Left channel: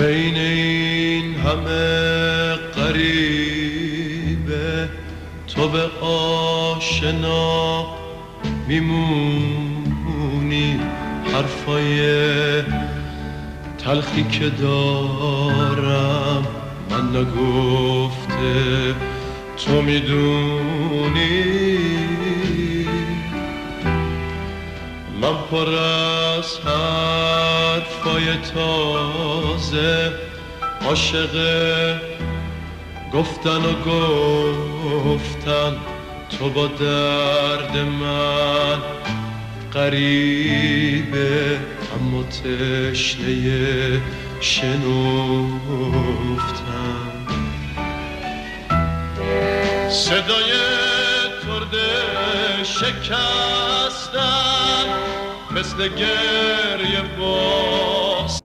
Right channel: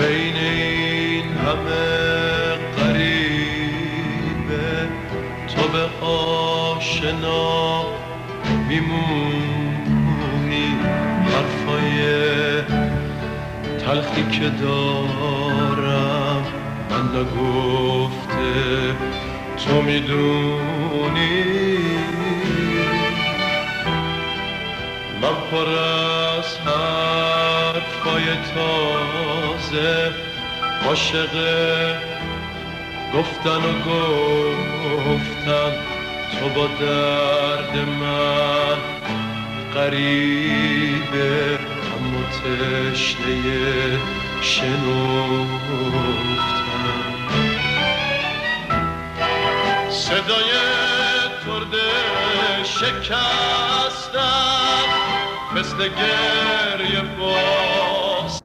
بین این همه غریبه تو به آشنا میمونی. حرفای تلخی که دارم من نگفته تو میدونی. من پر از حرفای تازه عاشق گفتن و گفتن. تو با درد من غریبه اما تشنه شنفتن. صدای کرد شکستم مثل گریه با